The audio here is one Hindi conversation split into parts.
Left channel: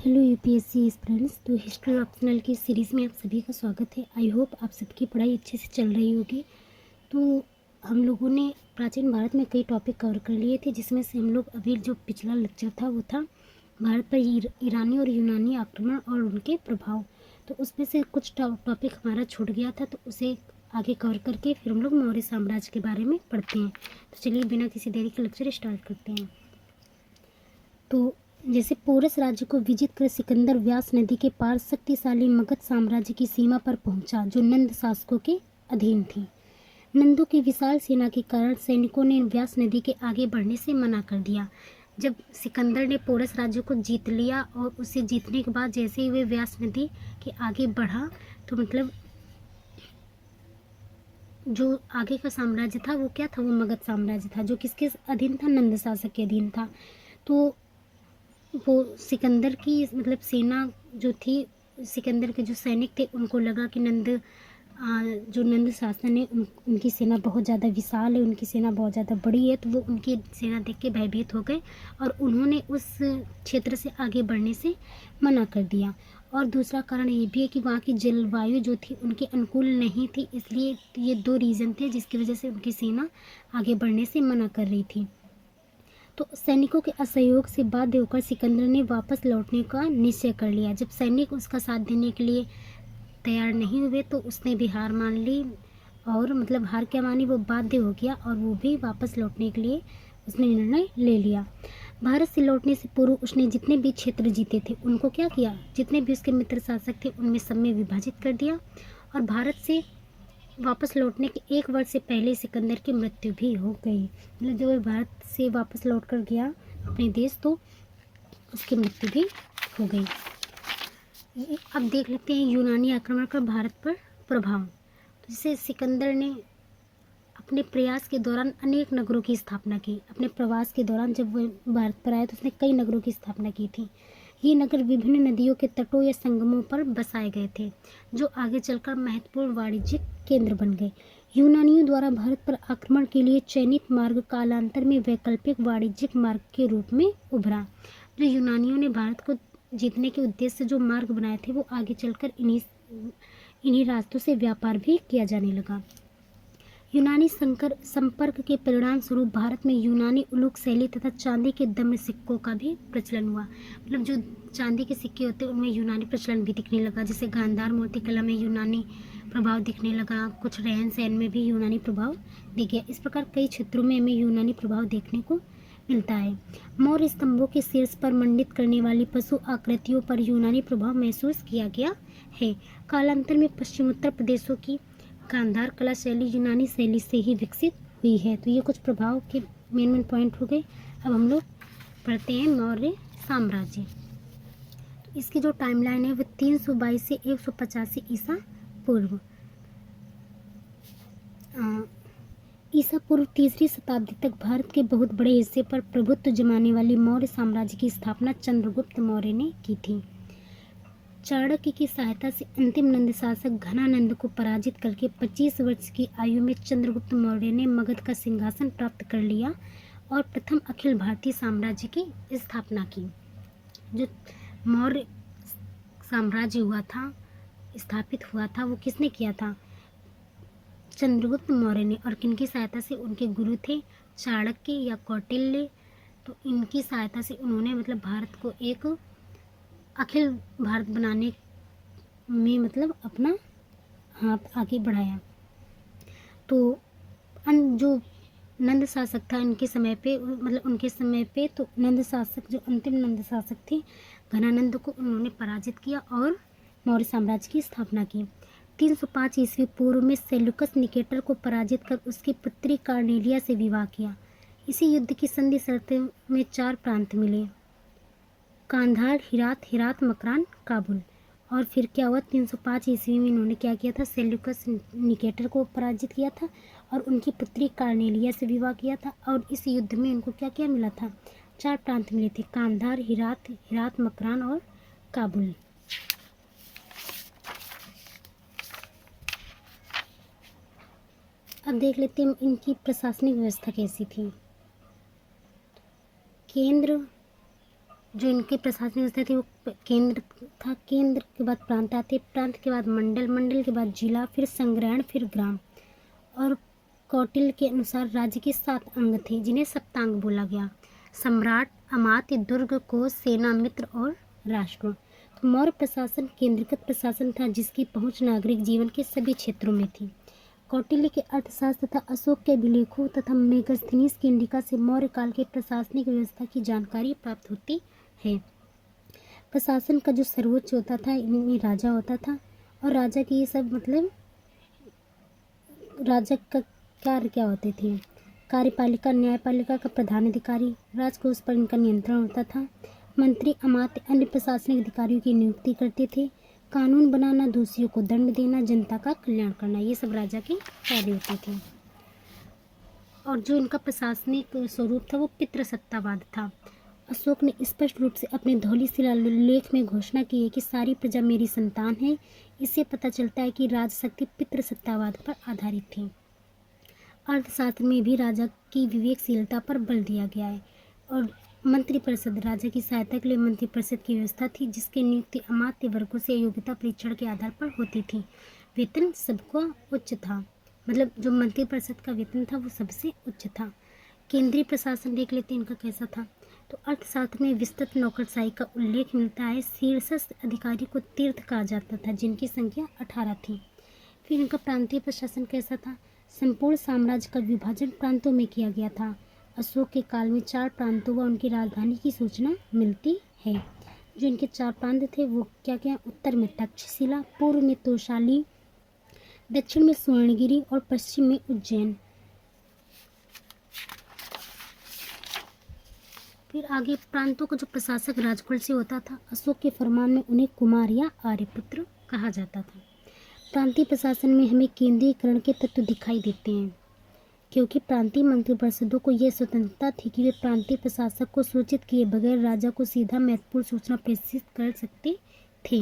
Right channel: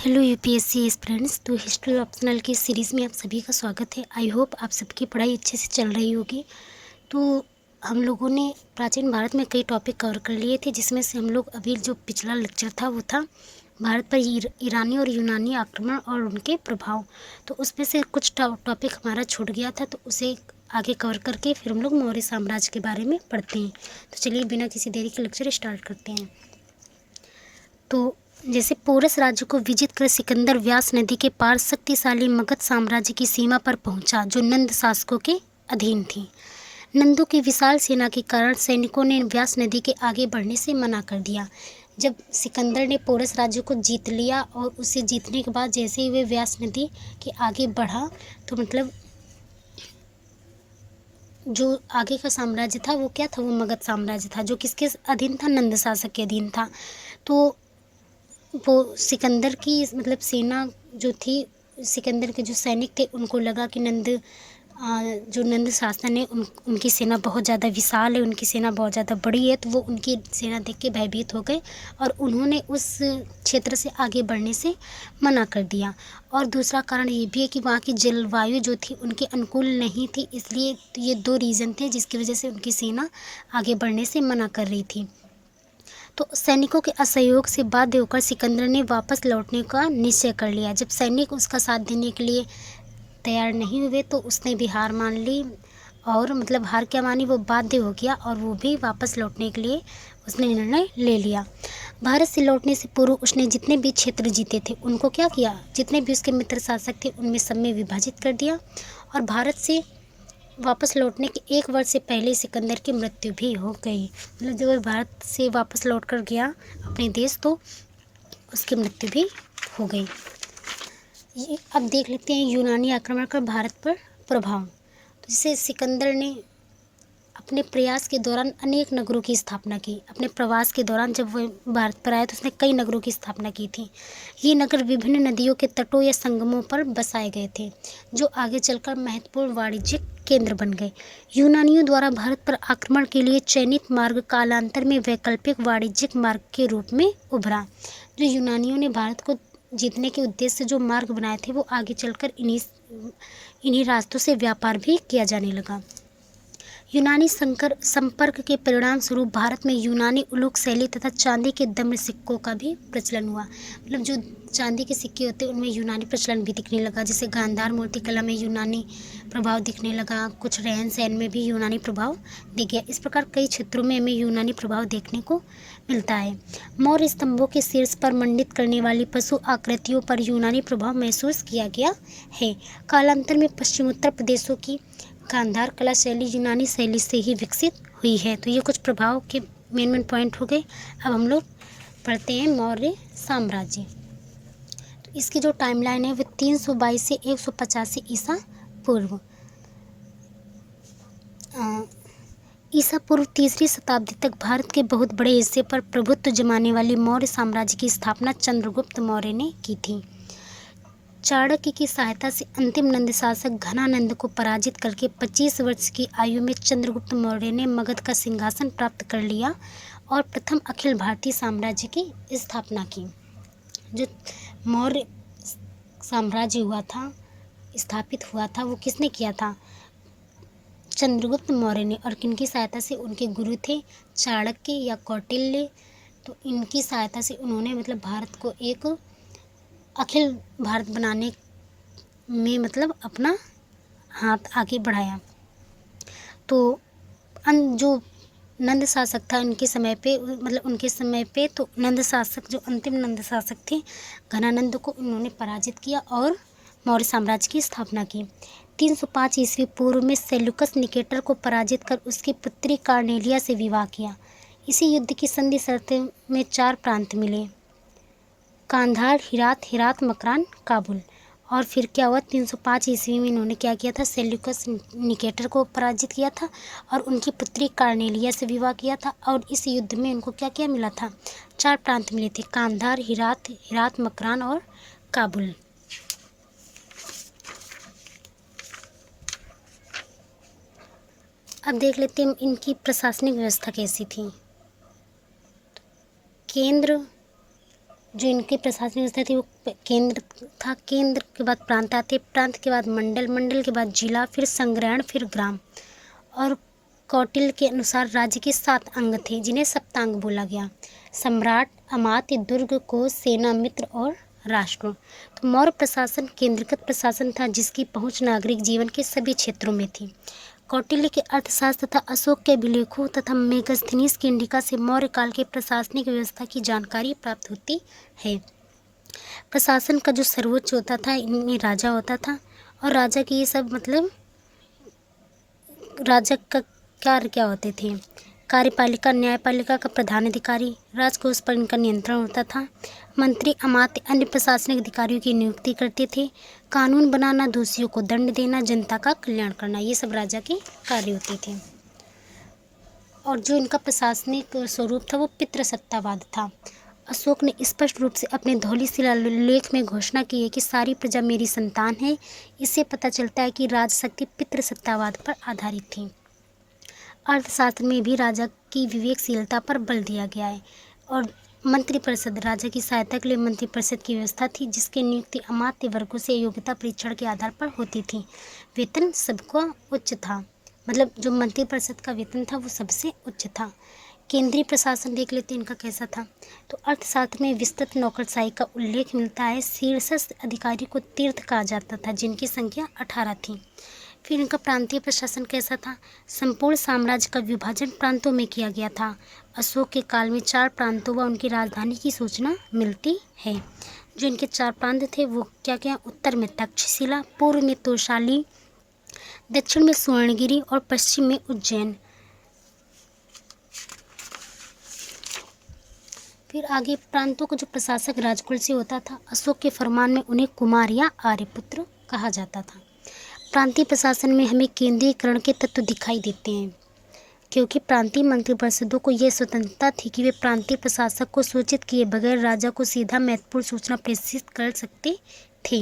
Hello UPSC aspirants. तो हिस्ट्री ऑप्शनल की सीरीज़ में आप सभी का स्वागत है। आई होप आप सबकी पढ़ाई अच्छे से चल रही होगी। तो हम लोगों ने प्राचीन भारत में कई टॉपिक कवर कर लिए थे, जिसमें से हम लोग अभी जो पिछला लेक्चर था वो था भारत पर ईरानी और यूनानी आक्रमण और उनके प्रभाव। तो उसमें से कुछ टॉपिक हमारा छूट गया था, तो उसे आगे कवर करके फिर हम लोग मौर्य साम्राज्य के बारे में पढ़ते हैं। तो चलिए बिना किसी देरी के लेक्चर स्टार्ट करते हैं। तो जैसे पोरस राज्य को विजित कर सिकंदर व्यास नदी के पार शक्तिशाली मगध साम्राज्य की सीमा पर पहुंचा, जो नंद शासकों के अधीन थी। नंदों की विशाल सेना के कारण सैनिकों ने व्यास नदी के आगे बढ़ने से मना कर दिया। जब सिकंदर ने पोरस राज्य को जीत लिया और उसे जीतने के बाद जैसे ही वे व्यास नदी के आगे बढ़ा, तो मतलब जो आगे का साम्राज्य था वो क्या था, वो मगध साम्राज्य था, जो किसके अधीन था, नंद शासक के अधीन था। तो वो सिकंदर की मतलब सेना जो थी, सिकंदर के जो सैनिक थे, उनको लगा कि जो नंद शासन है उनकी सेना बहुत ज़्यादा विशाल है, उनकी सेना बहुत ज़्यादा बड़ी है। तो वो उनकी सेना देख के भयभीत हो गए और उन्होंने उस क्षेत्र से आगे बढ़ने से मना कर दिया। और दूसरा कारण ये भी है कि वहाँ की जलवायु जो थी उनके अनुकूल नहीं थी, इसलिए ये दो रीज़न थे जिसकी वजह से उनकी सेना आगे बढ़ने से मना कर रही थी। तो सैनिकों के असहयोग से बाध्य होकर सिकंदर ने वापस लौटने का निश्चय कर लिया। जब सैनिक उसका साथ देने के लिए तैयार नहीं हुए तो उसने भी हार मान ली, और मतलब हार क्या मानी, वो बाध्य हो गया और वो भी वापस लौटने के लिए उसने निर्णय ले लिया। भारत से लौटने से पूर्व उसने जितने भी क्षेत्र जीते थे उनको क्या किया, जितने भी उसके मित्र शासक थे उनमें सब में विभाजित कर दिया। और भारत से वापस लौटने के 1 वर्ष से पहले सिकंदर की मृत्यु भी हो गई। मतलब जब वह भारत से वापस लौट कर गया अपने देश, तो उसकी मृत्यु भी हो गई। अब देख लेते हैं यूनानी आक्रमण का भारत पर प्रभाव। तो जैसे सिकंदर ने अपने प्रयास के दौरान अनेक नगरों की स्थापना की। अपने प्रवास के दौरान जब वह भारत पर आया तो उसने कई नगरों की स्थापना की थी। ये नगर विभिन्न नदियों के तटों या संगमों पर बसाए गए थे, जो आगे चलकर महत्वपूर्ण वाणिज्यिक केंद्र बन गए। यूनानियों द्वारा भारत पर आक्रमण के लिए चयनित मार्ग कालांतर में वैकल्पिक वाणिज्यिक मार्ग के रूप में उभरा। जो यूनानियों ने भारत को जीतने के उद्देश्य से जो मार्ग बनाए थे, वो आगे चलकर इन्हीं रास्तों से व्यापार भी किया जाने लगा। यूनानी संपर्क के परिणाम स्वरूप भारत में यूनानी उलूक शैली तथा चांदी के दम्र सिक्कों का भी प्रचलन हुआ। मतलब जो चांदी के सिक्के होते हैं उनमें यूनानी प्रचलन भी दिखने लगा। जैसे गांधार मूर्तिकला में यूनानी प्रभाव दिखने लगा, कुछ रहन सहन में भी यूनानी प्रभाव दिख गया। इस प्रकार कई क्षेत्रों में हमें यूनानी प्रभाव देखने को मिलता है। मौर्य स्तंभों के शीर्ष पर मंडित करने वाली पशु आकृतियों पर यूनानी प्रभाव महसूस किया गया है। कालांतर में पश्चिमोत्तर प्रदेशों की गांधार कला शैली यूनानी शैली से ही विकसित हुई है। तो ये कुछ प्रभाव के मेन पॉइंट हो गए। अब हम लोग पढ़ते हैं मौर्य साम्राज्य। तो इसकी जो टाइमलाइन है वो 322 से 185 ईसा पूर्व। ईसा पूर्व 3री शताब्दी तक भारत के बहुत बड़े हिस्से पर प्रभुत्व जमाने वाली मौर्य साम्राज्य की स्थापना चंद्रगुप्त मौर्य ने की थी। चाणक्य की सहायता से अंतिम नंद शासक घनानंद को पराजित करके 25 वर्ष की आयु में चंद्रगुप्त मौर्य ने मगध का सिंहासन प्राप्त कर लिया और प्रथम अखिल भारतीय साम्राज्य की स्थापना की। जो मौर्य साम्राज्य स्थापित हुआ था, वो किसने किया था, चंद्रगुप्त मौर्य ने। और किनकी सहायता से, उनके गुरु थे चाणक्य या कौटिल्य। तो इनकी सहायता से उन्होंने मतलब भारत को एक अखिल भारत बनाने में मतलब अपना हाथ आगे बढ़ाया। तो जो नंद शासक था उनके समय पे तो नंद शासक, जो अंतिम नंद शासक थे घनानंद को उन्होंने पराजित किया और मौर्य साम्राज्य की स्थापना की। 305 ईस्वी पूर्व में सेल्यूकस निकेटर को पराजित कर उसकी पुत्री कार्नेलिया से विवाह किया। इसी युद्ध की संधि शर्तें में 4 प्रांत मिले, कांधार, हिरात, मकरान, काबुल। और फिर क्या हुआ, 305 ईस्वी में इन्होंने क्या किया था, सेल्यूकस निकेटर को पराजित किया था और उनकी पुत्री कार्नेलिया से विवाह किया था। और इस युद्ध में उनको क्या क्या मिला था, 4 प्रांत मिले थे, कांधार, हिरात, मकरान और काबुल। अब देख लेते हैं इनकी प्रशासनिक व्यवस्था कैसी थी। केंद्र जो इनकी प्रशासनिक व्यवस्था थी वो केंद्र था, केंद्र के बाद प्रांत आते, प्रांत के बाद मंडल, मंडल के बाद जिला, फिर संग्रहण, फिर ग्राम। और कौटिल्य के अनुसार राज्य के 7 अंग थे जिन्हें सप्तांग बोला गया: सम्राट, अमात्य, दुर्ग, कोश, सेना, मित्र और राष्ट्र। तो मौर्य प्रशासन केंद्रीकृत प्रशासन था जिसकी पहुंच नागरिक जीवन के सभी क्षेत्रों में थी। कौटिल्य के अर्थशास्त्र तथा अशोक के अभिलेखों तथा मेगस्थनीज की इंडिका से मौर्य काल के प्रशासनिक व्यवस्था की जानकारी प्राप्त होती है। प्रशासन का जो सर्वोच्च होता था इनमें राजा होता था, और राजा के ये सब मतलब राजा का कार्य क्या होते थे: कार्यपालिका, न्यायपालिका का प्रधान अधिकारी, राजकोष पर इनका नियंत्रण होता था, मंत्री, अमात्य, अन्य प्रशासनिक अधिकारियों की नियुक्ति करते थे, कानून बनाना, दोषियों को दंड देना, जनता का कल्याण करना, ये सब राजा के कार्य होते थे। और जो इनका प्रशासनिक स्वरूप था वो पितृसत्तावाद था। अशोक ने स्पष्ट रूप से अपने धौली शिलालेख में घोषणा की है कि सारी प्रजा मेरी संतान है। इससे पता चलता है कि राजशक्ति पितृसत्तावाद पर आधारित थी। अर्थशास्त्र में भी राजा की विवेकशीलता पर बल दिया गया है। और मंत्रिपरिषद, राजा की सहायता के लिए मंत्रिपरिषद की व्यवस्था थी जिसकी नियुक्ति अमात्य वर्गों से योग्यता परीक्षण के आधार पर होती थी। वेतन सबका उच्च था, मतलब जो मंत्रिपरिषद का वेतन था वो सबसे उच्च था। केंद्रीय प्रशासन देख लेते हैं इनका कैसा था। तो अर्थशास्त्र में विस्तृत नौकरशाही का उल्लेख मिलता है। शीर्षस्थ अधिकारी को तीर्थ कहा जाता था जिनकी संख्या 18 थी। फिर इनका प्रांतीय प्रशासन कैसा था? संपूर्ण साम्राज्य का विभाजन प्रांतों में किया गया था। अशोक के काल में 4 प्रांतों व उनकी राजधानी की सूचना मिलती है। जो इनके 4 प्रांत थे वो क्या क्या? उत्तर में तक्षशिला, पूर्व में तोशाली, दक्षिण में सुवर्णगिरी और पश्चिम में उज्जैन। फिर आगे प्रांतों का जो प्रशासक राजकुल से होता था। अशोक के फरमान में उन्हें कुमार या आर्यपुत्र कहा जाता था। प्रांतीय प्रशासन में हमें केंद्रीयकरण के तत्व दिखाई देते हैं, क्योंकि प्रांतीय मंत्रिपरिषदों को यह स्वतंत्रता थी कि वे प्रांतीय प्रशासक को सूचित किए बगैर राजा को सीधा महत्वपूर्ण सूचना प्रेषित कर सकते थे।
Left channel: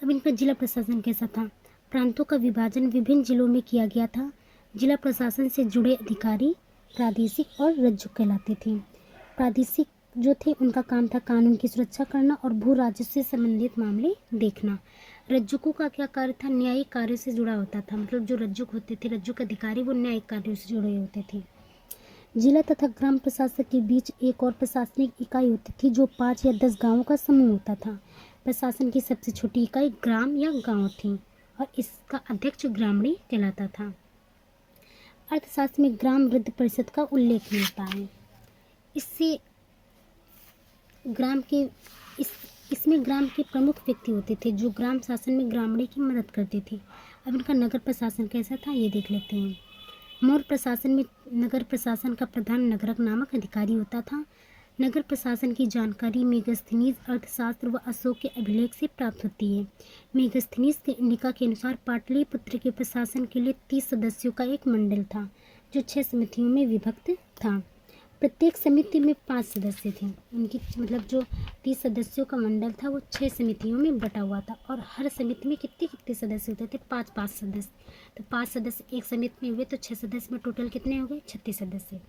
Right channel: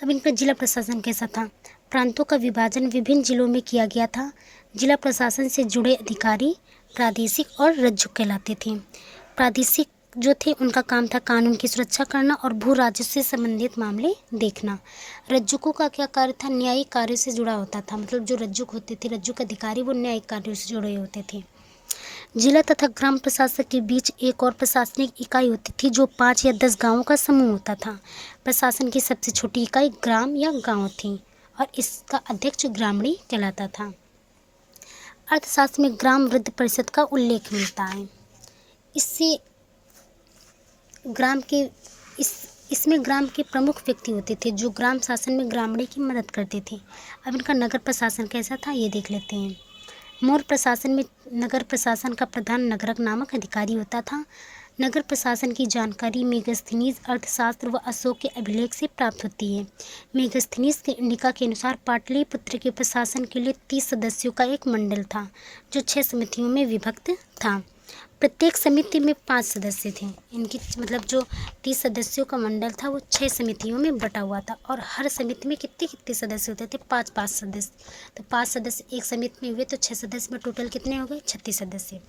अब इनका जिला प्रशासन कैसा था? प्रांतों का विभाजन विभिन्न जिलों में किया गया था। जिला प्रशासन से जुड़े अधिकारी प्रादेशिक और रज्जुक कहलाते थे। प्रादेशिक जो थे उनका काम था कानून की सुरक्षा करना और भू राजस्व से संबंधित मामले देखना। रज्जुकों का क्या कार्य था? न्यायिक कार्य से जुड़ा होता था, मतलब जो रज्जुक होते थे, रज्जुक अधिकारी, वो न्यायिक कार्यों से जुड़े होते थे। जिला तथा ग्राम प्रशासक के बीच एक और प्रशासनिक इकाई होती थी जो 5 या 10 गांवों का समूह होता था। प्रशासन की सबसे छोटी इकाई ग्राम या गांव थी और इसका अध्यक्ष ग्रामणी कहलाता था। अर्थशास्त्र में ग्राम वृद्ध परिषद का उल्लेख मिलता है। इससे ग्राम के इसमें ग्राम के प्रमुख व्यक्ति होते थे जो ग्राम शासन में ग्रामणी की मदद करते थे। अब इनका नगर प्रशासन कैसा था ये देख लेते हैं। मौर्य प्रशासन में नगर प्रशासन का प्रधान नगरक नामक अधिकारी होता था। नगर प्रशासन की जानकारी मेगस्थनीज अर्थशास्त्र व अशोक के अभिलेख से प्राप्त होती है। मेगस्थनीज के इंडिका के अनुसार पाटलिपुत्र के प्रशासन के लिए 30 सदस्यों का एक मंडल था जो 6 समितियों में विभक्त था। प्रत्येक समिति में 5 सदस्य थे। इनकी मतलब जो 30 सदस्यों का मंडल था वो 6 समितियों में बटा हुआ था और हर समिति में कितने कितने सदस्य होते थे? 5-5 सदस्य। तो 5 सदस्य एक समिति में हुए तो 6 सदस्य में टोटल कितने हो गए? 36 सदस्य।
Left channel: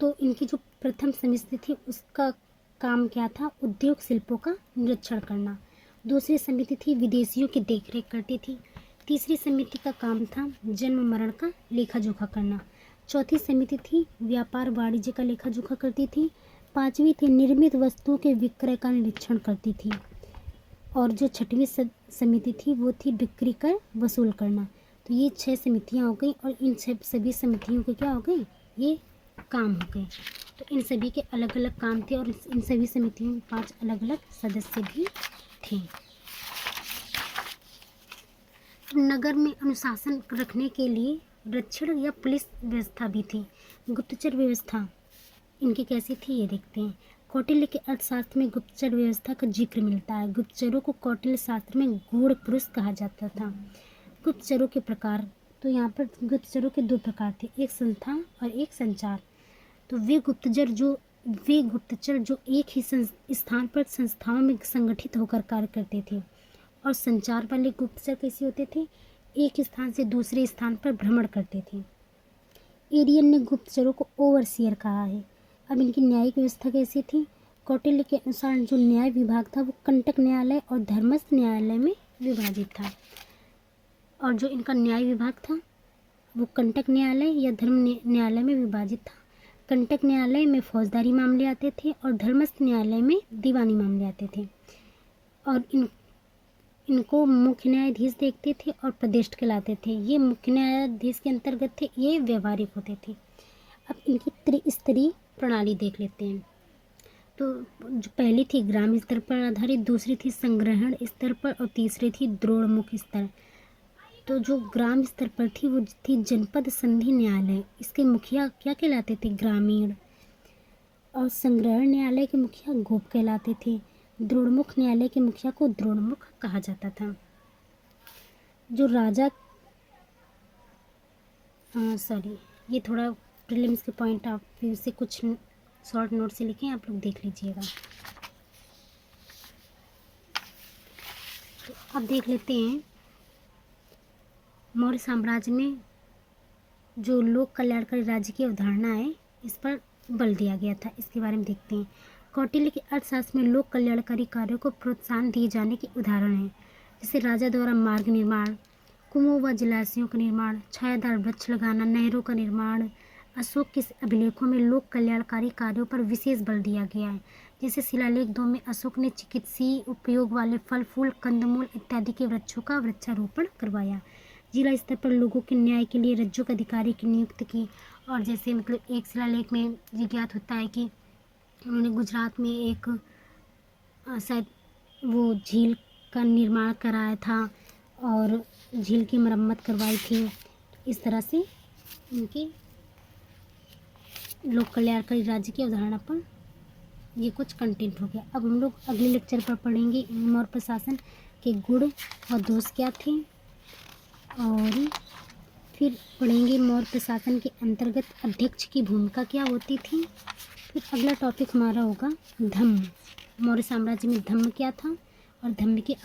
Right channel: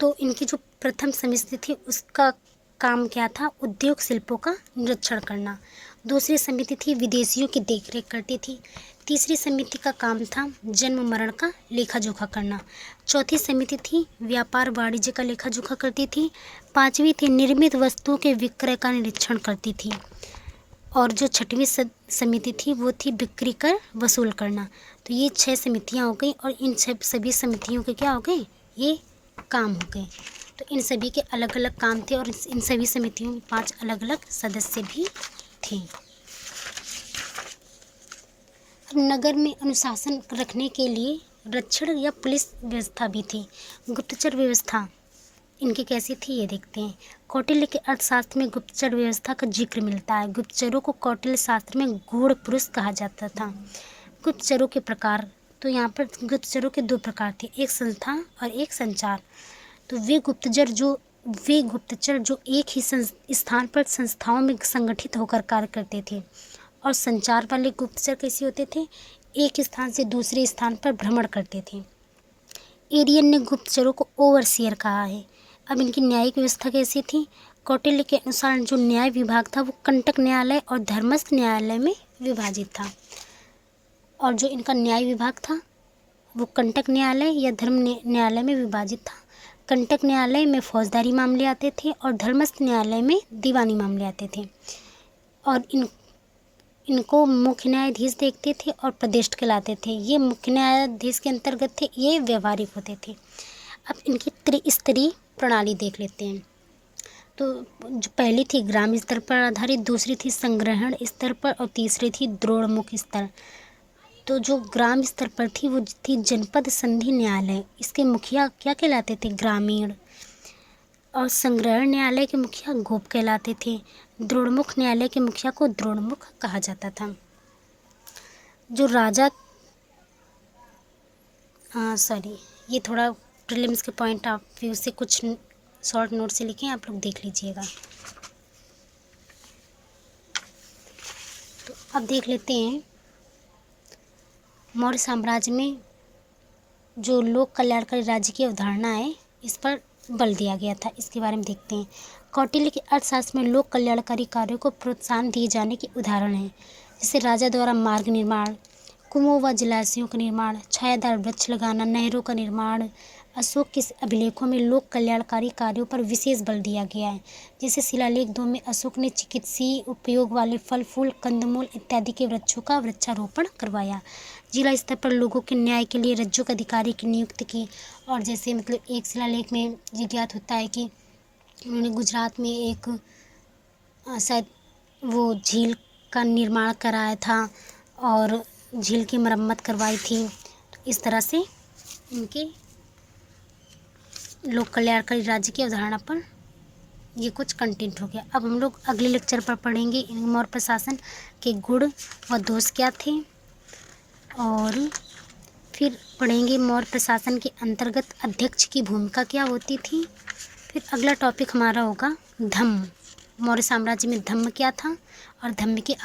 तो इनकी जो प्रथम समिति थी उसका काम क्या था? उद्योग शिल्पों का निरीक्षण करना। दूसरी समिति थी विदेशियों की देखरेख करती थी। तीसरी समिति का काम था जन्म मरण का लेखा जोखा करना। चौथी समिति थी व्यापार वाणिज्य का लेखा जोखा करती थी। 5वीं थी निर्मित वस्तुओं के विक्रय का निरीक्षण करती थी। और जो 6वीं समिति थी वो थी बिक्री कर वसूल करना। तो ये 6 समितियाँ हो गई और इन सभी समितियों के क्या हो गए? ये काम हो गए। तो इन सभी के अलग अलग काम थे और इन सभी समितियों में 5 अलग अलग सदस्य भी थे। नगर में अनुशासन रखने के लिए रक्षण या पुलिस व्यवस्था भी थी। गुप्तचर व्यवस्था इनकी कैसी थी ये देखते हैं। कौटिल्य के अर्थशास्त्र में गुप्तचर व्यवस्था का जिक्र मिलता है। गुप्तचरों को कौटिल्य शास्त्र में गूढ़ पुरुष कहा जाता था। गुप्तचरों के प्रकार, तो यहाँ पर गुप्तचरों के 2 प्रकार थे, एक संस्था और एक संचार। तो वे गुप्तचर जो एक ही स्थान पर संस्थाओं में संगठित होकर कार्य करते थे। और संचार वाले गुप्तचर कैसे होते थे? एक स्थान से दूसरे स्थान पर भ्रमण करते थे। एरियन ने गुप्तचरों को ओवरसियर कहा है। अब इनकी न्यायिक व्यवस्था कैसी थी? कौटिल्य के अनुसार जो न्याय विभाग था वो कंटक न्यायालय और धर्मस्थ न्यायालय में विभाजित था। और जो इनका न्याय विभाग था वो कंटक न्यायालय या धर्म न्यायालय में विभाजित था। कंटक न्यायालय में फौजदारी मामले आते थे और धर्मस्थ न्यायालय में दीवानी मामले आते थे। और इनको मुख्य न्यायाधीश देखते थे और प्रदेष्ट कहलाते थे। ये मुख्य न्यायाधीश के अंतर्गत थे, ये व्यवहारिक होते थे। अब इनकी त्रिस्तरीय प्रणाली देख लेते हैं। तो जो पहली थी ग्राम स्तर पर आधारित, दूसरी थी संग्रहण स्तर पर और तीसरी थी द्रोणमुख स्तर। तो जो ग्राम स्तर पर थी वो थी जनपद संधि न्यायालय, इसके मुखिया क्या कहलाते थे? ग्रामीण। और संग्रहण न्यायालय के मुखिया गोप कहलाते थे। द्रोणमुख न्यायालय के मुखिया को द्रोणमुख कहा जाता था। जो राजा ये थोड़ा प्रीलिम्स के पॉइंट ऑफ व्यू से कुछ शॉर्ट नोट से लिखे, आप लोग देख लीजिएगा। तो अब देख लेते हैं मौर्य साम्राज्य में जो लोक कल्याणकारी राज्य की अवधारणा है, इस पर बल दिया गया था। इसके बारे में देखते हैं। कौटिल्य के अर्थशास्त्र में लोक कल्याणकारी कार्यों को प्रोत्साहन दिए जाने के उदाहरण हैं, जैसे राजा द्वारा मार्ग निर्माण, कुओं व जलाशयों का निर्माण, छायादार वृक्ष लगाना, नहरों का निर्माण। अशोक के अभिलेखों में लोक कल्याणकारी कार्यों पर विशेष बल दिया गया है। जैसे शिलालेख 2 में अशोक ने चिकित्सीय उपयोग वाले फल फूल, कंदमूल इत्यादि के वृक्षों का वृक्षारोपण करवाया। जिला स्तर पर लोगों के न्याय के लिए रज्जुक अधिकारी की नियुक्ति की। और जैसे मतलब एक शिलालेख में ये ज्ञात होता है कि उन्होंने गुजरात में एक शायद वो झील का निर्माण कराया था और झील की मरम्मत करवाई थी। तो इस तरह से इनके लोक कल्याणकारी राज्य की अवधारणा पर ये कुछ कंटेंट हो गया। अब हम लोग अगले लेक्चर पर पढ़ेंगे मौर्य प्रशासन के गुण व दोष क्या थे, और फिर पढ़ेंगे मौर्य प्रशासन के अंतर्गत अध्यक्ष की भूमिका क्या होती थी। फिर अगला टॉपिक हमारा होगा धम्म। मौर्य साम्राज्य में धम्म क्या था और धम्म की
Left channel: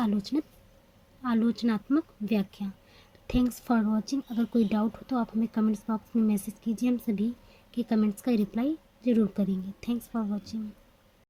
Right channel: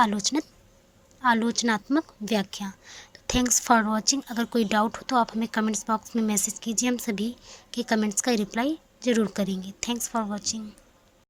आलोचनात्मक व्याख्या। तो थैंक्स फॉर वॉचिंग। अगर कोई डाउट हो तो आप हमें कमेंट्स बॉक्स में मैसेज कीजिए, हम सभी के कमेंट्स का रिप्लाई ज़रूर करेंगे। Thanks for watching.